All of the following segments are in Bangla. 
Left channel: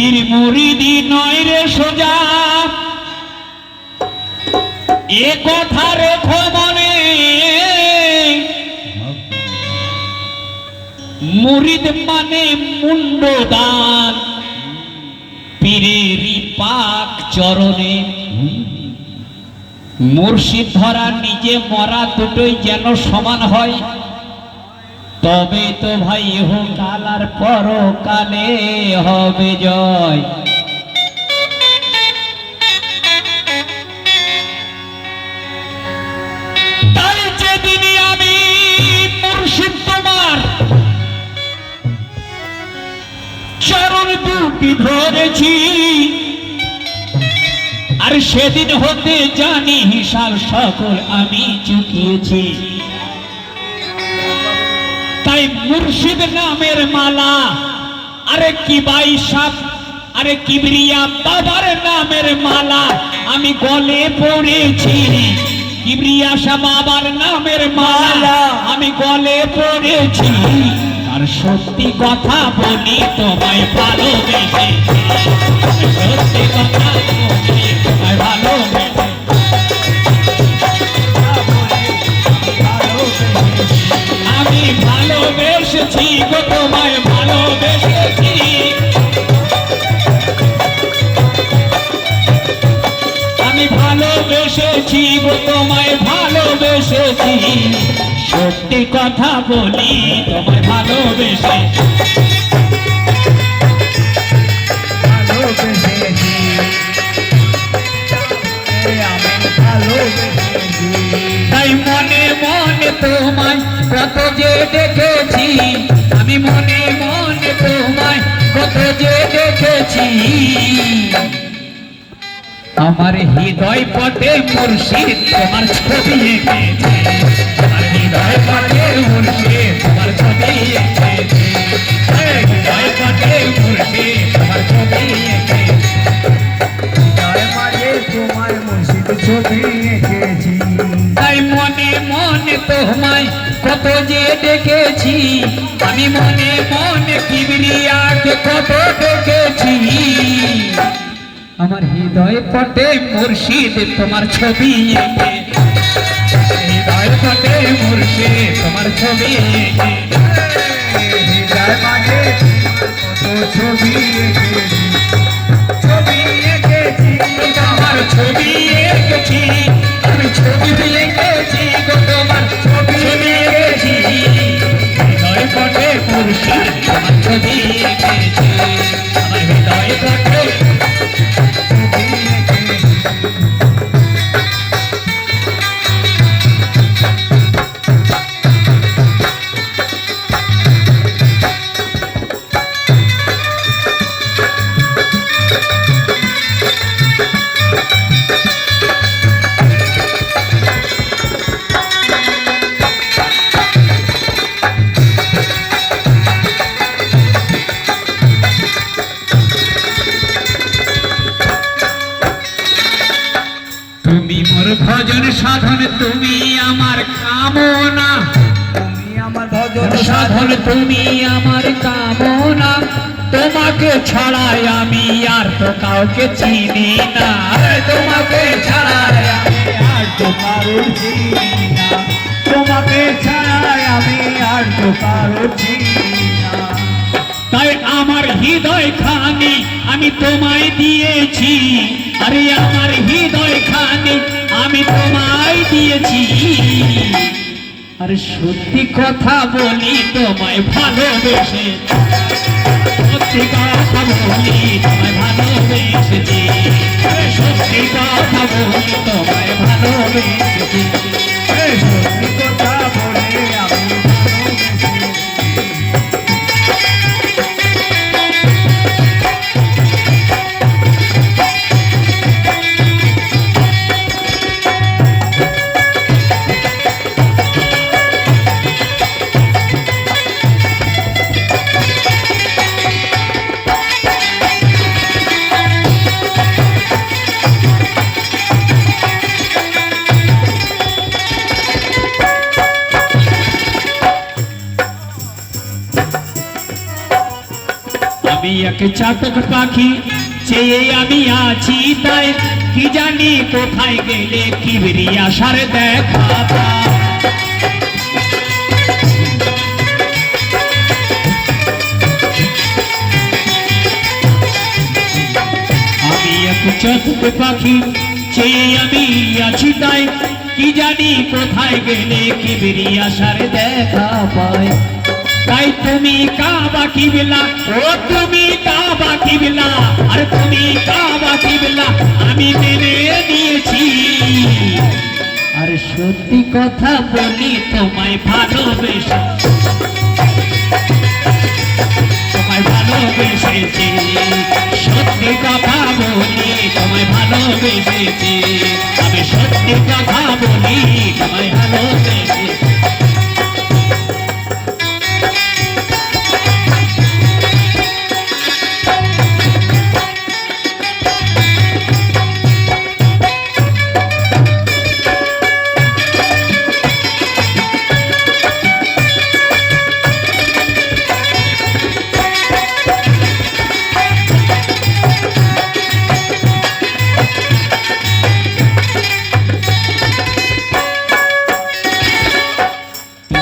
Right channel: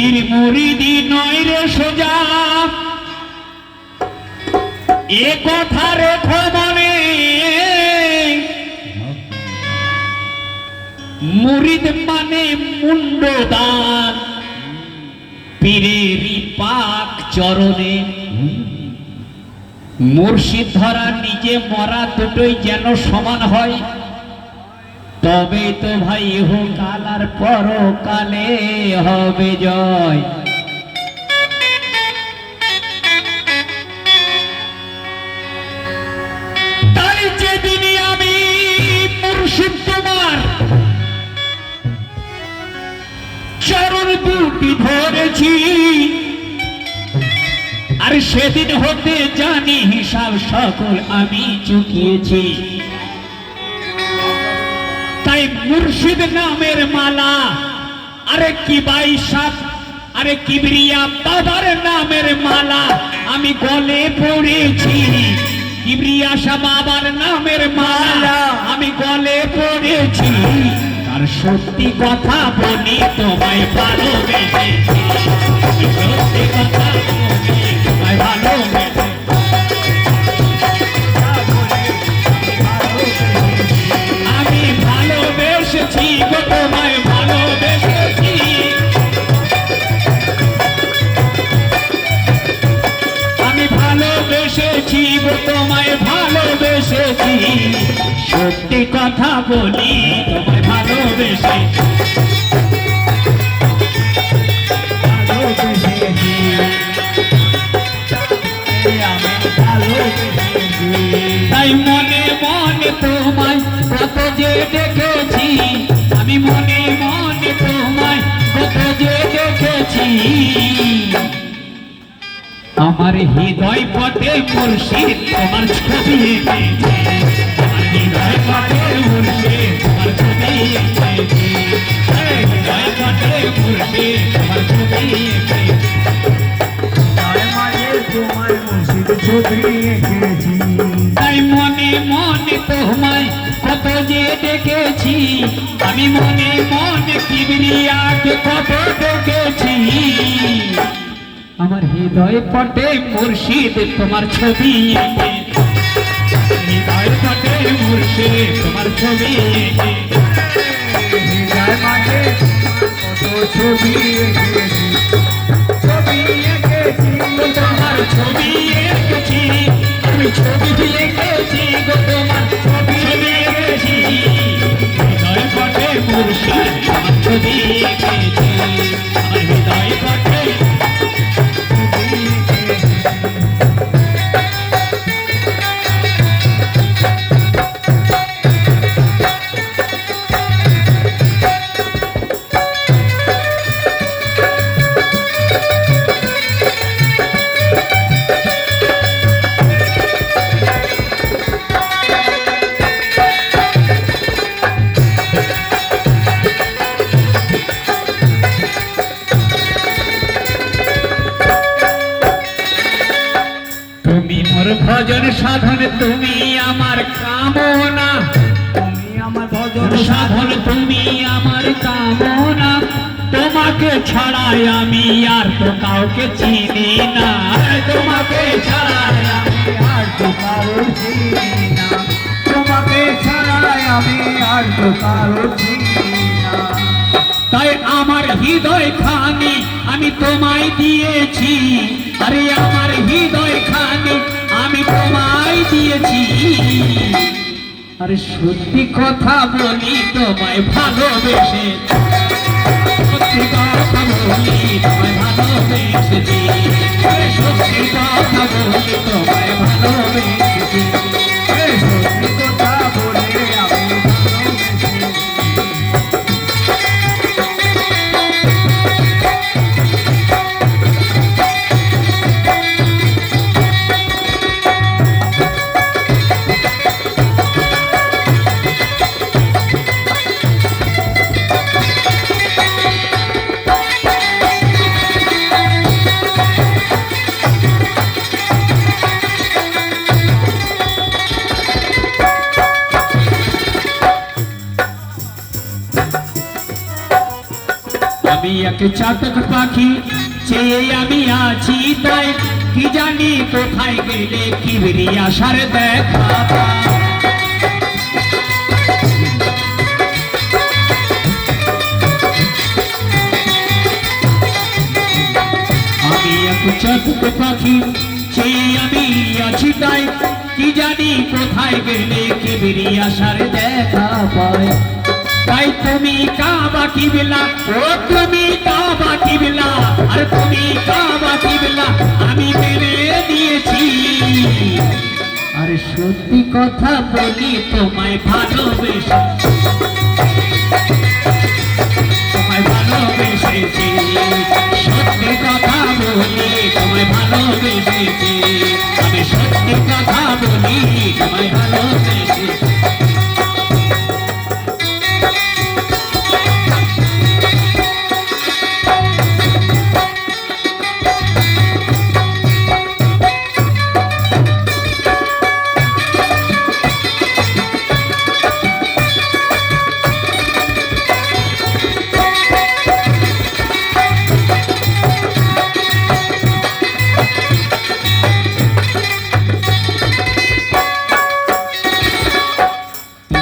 পীর মুরিদি নয় রে সোজা, এ কথা রেখো মনে। মুরিদ মানে মুন্ডদান, পীরেরই পাক চরণে। মুর্শিদ ধরা নিজে মরা দুটোই যেন সমান হয়, তবে তো ভাই ইহকাল আর পরকালে হবে জয়। তাই যেদিন আমি মুর্শিদ তোমার চরণ দুটি ধরেছি, আর সেদিন হতে জানি হিসাব সকল আমি চুকিয়েছি। তাই মুর্শিদ নামের মালা, আরে কি বাইসাব, আরে কিবরিয়া বাবার নামের মালা আমি গলে পড়েছি। কিবরিয়া শাহ বাবার নামের মালা আমি গলে পড়েছি। আর সত্যি কথা বলি তোমায় ভালোবেসেছি, সত্যি কথা বলি তোমায় ভালোবেসেছি। আমি ভালোবেসেছি গো তোমায় ভালোবেসেছি। আমি ভালোবেসেছি গো তোমায় ভালোবেসেছি। সত্যি কথা বলি তোমায় ভালোবেসেছি, ভালোবেসেছি। আমি ভালোবেসেছি। তাই মনে মনে তোমায় কত যে দেখেছি, আমি মনে মনে তোমায় কত যে দেখেছি। আমার হৃদয় পটে মুর্শিদ তোমার ছবি এঁকেছি, আমার হৃদয় পটে মুর্শিদ তোমার ছবি এঁকেছি, হৃদয় পটে মুর্শিদ তোমার ছবি এঁকেছি, তোমার মুর্শিদ ছবি এঁকেছি। তাই মনে মনে তোমায় কত যে দেখেছি, আমি মনে মনে কিবরিয়াকে কত দেখেছি। আমার হৃদয় পটে মুর্শিদ তোমার ছবি এঁকে, হৃদয় পটে মুর্শিদ তোমার ছবি এঁকে, হৃদয় পটে কত ছবি এঁকেছি, ছবি এঁকেছি তোমার ছবি এঁকেছি, আমি ছবি এঁকেছি তোমার ছবি এঁকেছি। হৃদয় পটে মুর্শিদ তোমার ছবি এঁকেছি, আমার হৃদয় পটে ভজন সাধন তুমি আমার কামনা, তুমি আমার ভজন সাধন তুমি আমার কামনা। তোমাকে ছাড়াই আমি আর তো কাউকে চিনি না, তোমাকে ছাড়াই আমি আর তো কারো চিনি না, তোমাকে ছাড়াই আমি আর তো কারো চিনি না। তাই আমার হৃদয় খানি আমি তোমায় দিয়েছি, আরে আমার হৃদয় খানি আমি তোমায় দিয়েছি। আরে সত্যি কথা বলি তোমায় ভালোবেসে, সত্যি কথা বলি তোমায় ভালোবেসেছি, সত্যি কথা বলি তোমায় ভালোবেসেছি, সত্যি কথা বলি আমি ভালোবেসেছি। আমি এক চাতক পাখি চেয়ে আমি আছি তাই কি জানি কোথায় গেলে কিবরি আশার দেখা পাই। আমি এক চাতক পাখি চেয়ে আমি আছি তাই কি জানি কোথায় গেলে কিবরি আশার দেখা পাই। তাই তুমি কাবা কিবলা, ও তুমি কাবা কিবলা, আর তুমি কাবা কিবলা আমি মেনে নিয়েছি। আর সত্যি কথা বলি তোমায় ভালোবেসে, তোমায় ভালোবেসেছি। সত্যি কথা বলি তোমায় ভালোবেসেছি, আমি সত্যি কথা বলি তোমায় ভালোবেসেছি।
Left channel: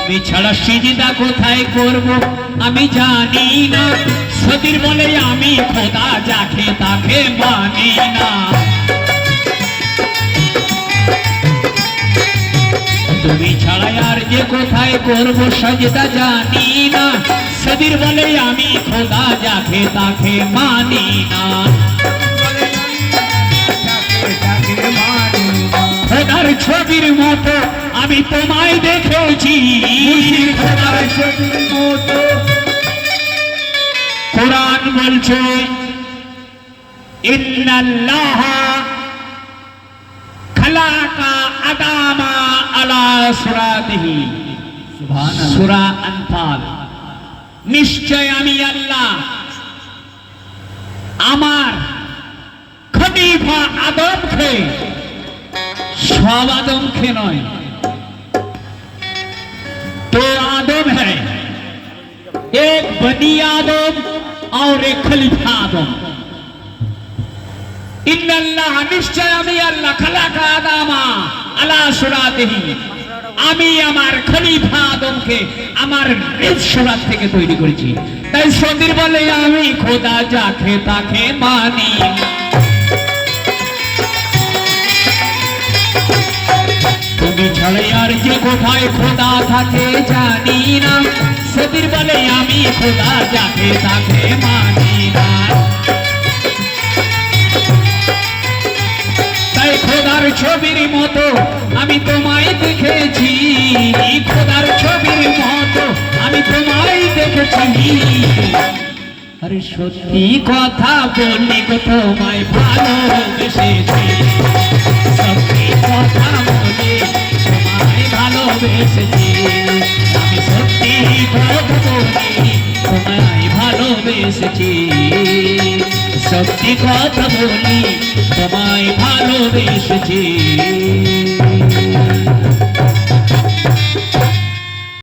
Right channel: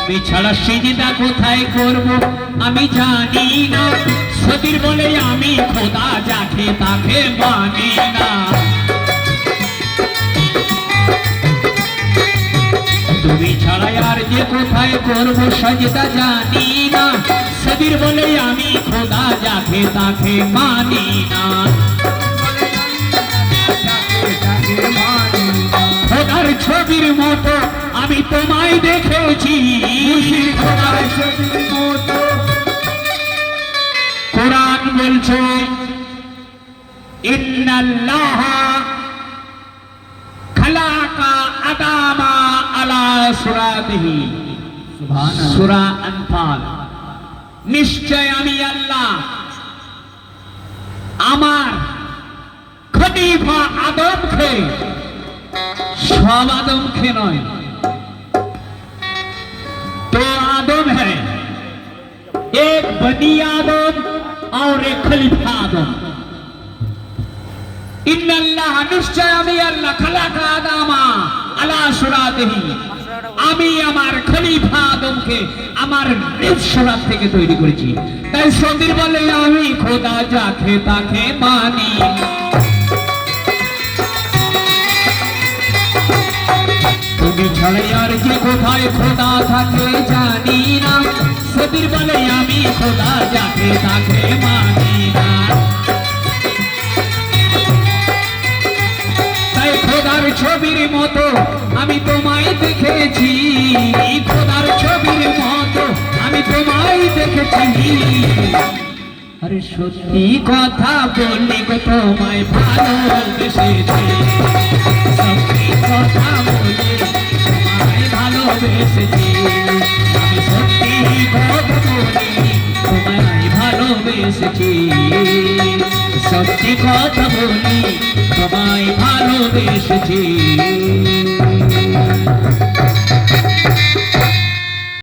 তুমি ছাড়া সিজদা কোথায় করব আমি জানি না, সতীর বলে আমি খোদা যাকে তাকে মানি না। তুমি ছাড়া আর যে কোথায় করব সাজদা জানি না, সতীর বলে আমি খোদা যাকে তাকে মানি না। খোদার ছবির মতো আমি তোমায় দেখেছি, খোদার ছবির মতো। কোরআন বলছে ইন্নাল্লাহ খালাকা আদামা আলা সুরাতিহি, সুবহানাল্লাহ। সূরা আনফাল। নিশ্চয় আমি আল্লাহ আমার খলিফা আদমকে, সব आदम नय तो आदम है, एक बनी आदम और एक खलीफा आदम। इन्नल्लाह निश्चय आमी अल्लाह खलाका आदामा अला सुरातिही, आमी आमार खलीफा आदमके आमार निज सुरात থেকে তৈরি করেছি। তাই সদীর বলে আমি খোদা যাকে তাকে মানি। তুমি ছাড়া আর যে কোথায় খোদা থাকে জানি না, সদীর বলে আমি খোদা যাকে তাকে মানি না। তাই খোদার ছবির মতো আমি তোমায় দেখেছি, খোদার ছবির মতো আমি তোমায় দেখেছি। আরে সত্যি কথা বলি গো তোমায় ভালোবেসেছি, সত্যি কথা বলি তোমায় ভালোবেসেছি, আমি সত্যি কথা বলি তোমায় ভালোবেসেছি, সত্যি কথা বলি তোমায় ভালোবেসেছি।